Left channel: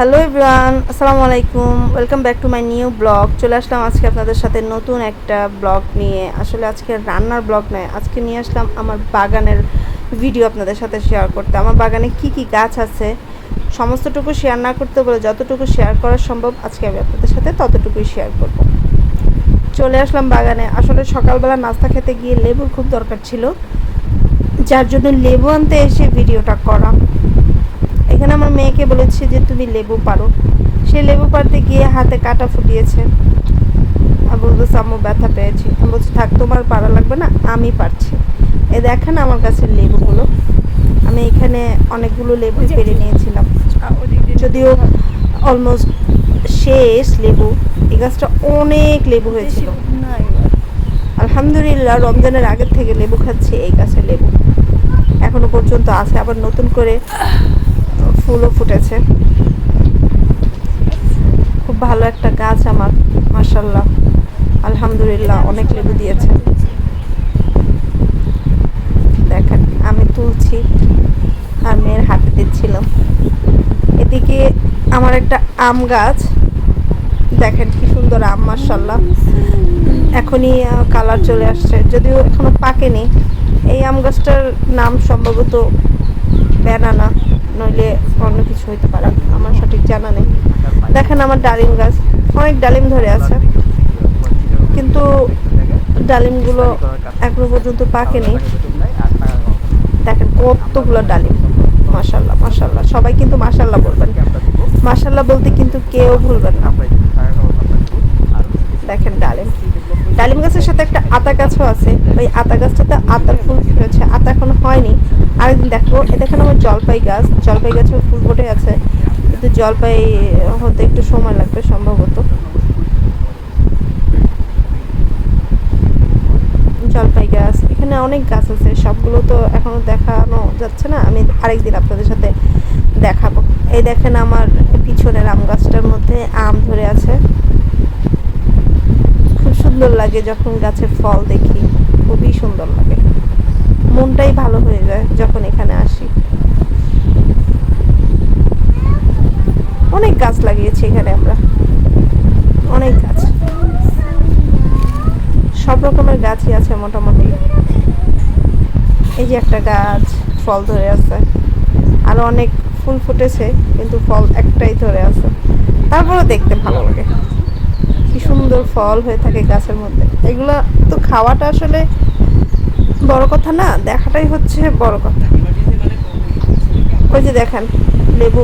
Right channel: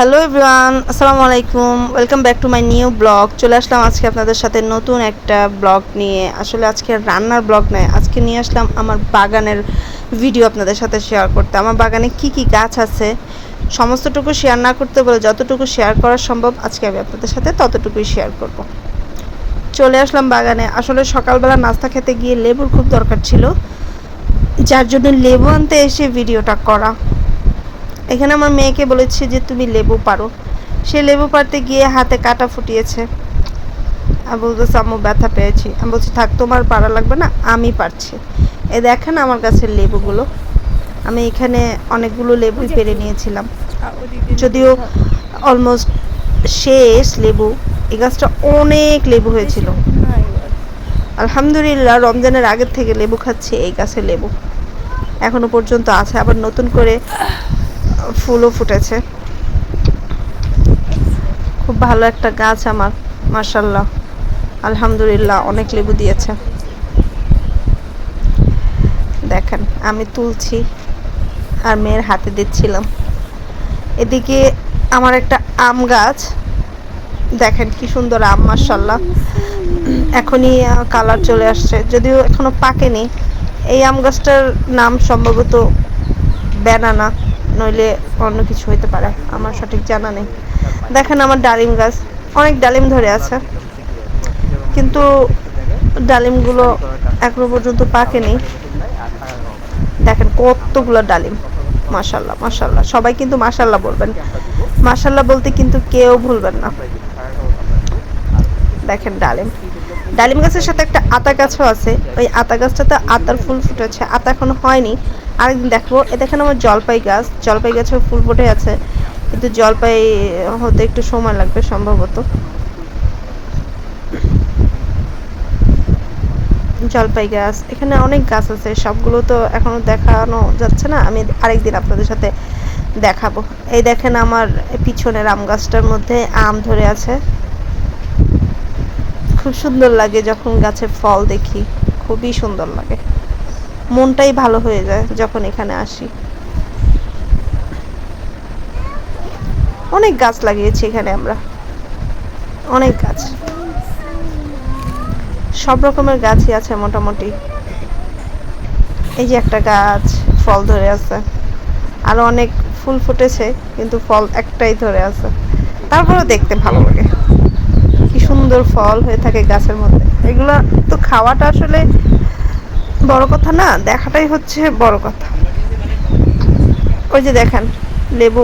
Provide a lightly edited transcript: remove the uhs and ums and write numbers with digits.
Hello everyone, আসসালামু আলাইকুম। Welcome back to my new blog. চলে আসলাম আজকে আপনাদের সাথে নতুন একটা ব্লগ নিয়ে। আসলে আজকে রান্নার ব্লগ নয়, আজকে নিয়ে আসলাম আমার বাগানের ভিডিও আপনাদের সাথে শেয়ার করতে। আমার বাগানে কি কি গাছ আছে সমস্তটুকু শেয়ার না করতে বলে যতটুকু শেয়ার করা সম্ভব আজকে আমি আপনাদের সাথে ততটুকুই শেয়ার করব। চলে আসলাম বাগানে। আসলে সকালবেলা নাস্তা খেতে গিয়ে লেবুর খুব দরকার ছিল, যার জন্য লেবু আনতে এসে ভিডিওটা করা। এখানে আমার মেয়েকে বলেছি যে তুমি লেবু পারো, সে লেবু পারতে গিয়ে হাতে কাটা ফুটিয়েছে। আমি বলতেছি আম্মু ব্যথা পেয়েছি। আমি বলছি থাক, তোমার পারা লাগবে না, আমি পারছি। এই দেখেন আমার গাছের লেবুগুলো। আমি এখানে অনেকগুলো লেবুই পেরে নিয়েছিলাম, যদিও অলমোস্ট শেষ লেবু। এই গাছটা অনেক লেবু হয়েছিল। আলহামদুলিল্লাহ, রমজানের আগের থেকে লেবু খাচ্ছি এই গাছের লেবু এখনো পর্যন্ত আছে, আবার নতুন করে ফুলও ফুটেছে। খুব ভালো একটা গাছ আমার, মাশাআল্লাহ, আলহামদুলিল্লাহ, অনেক লেবু দিয়েছে। দেখেন আমি তুলছি আর মেয়ের হাতে দিচ্ছিলাম। এদিকে আমার একটা আম গাছ, দেখেন কি সুন্দর আম, মাশাআল্লাহ। এখনই কালার চলে আসছে, যদিও এখনো পাকেনি। এই আম গাছটার নাম সম্ভবত ব্যানানা, নইলে অন্য কিছু হইতে পারে, আমার সঠিক জানা নেই। দেখেন আমার ডালিম গাছ, অনেক ডালিম ধরে আছে, কিন্তু ডালিমগুলো এখনো পর্যন্ত পাকেনি। দেখেন কতগুলো ডালিম, মাশাআল্লাহ মাশাআল্লাহ। সবাই কিন্তু মাশাআল্লাহ বলবেন, মাশাআল্লাহ বলতে কিন্তু কেউ ভুলবেন না। দেখেন ডালিম, ডালিম গাছের সাথে একটা আতা গাছও আছে। ওই আতা গাছটাতে আতার ফুল ফুটেছে, আতা এখনো হয়নি, আরেকদিন দেখবো। এ দেখেন আমার জলপাই গাছ, জলপাই গাছেও ফুল ফুটে আছে, কিন্তু জলপাই হতে একটু সময় লাগবে সম্ভবত। জলপাই গাছ, এখানে অনেক গাছ আছে, সবগুলো তো এখনো দেখানো যাচ্ছে না, আমি আরেকদিন আপনাদের সাথে দেখাবো। এই দেখেন আমার পিছনের আম গাছটার মধ্যে আম ধরে আছে। খুব সুন্দর লাগে যখন গাছে ফল দেখি, খুবই সুন্দর লাগে, মনটাই ভালো হয়ে যায় যখন এখানে আসি। অনেক গাছ লাগিয়েছি এখানে আমরা, অনেক গাছ, সব রকমের গাছই আছে মোটামুটি। এই যে একটা গাছ ফল ধরে আছে, আরো অনেক ফুল ফুটেছে, কিন্তু ফল একটাই ধরে আছে, তারপরেও দেখতে ভালো লাগে। কি সুন্দর ফল হয়ে থাকে গাছের মধ্যে। এগুলা তো খাওয়াটা আসলে বড় কথা না, দেখাটাই হচ্ছে বড় কথা। ওই যে দেখেন লেবু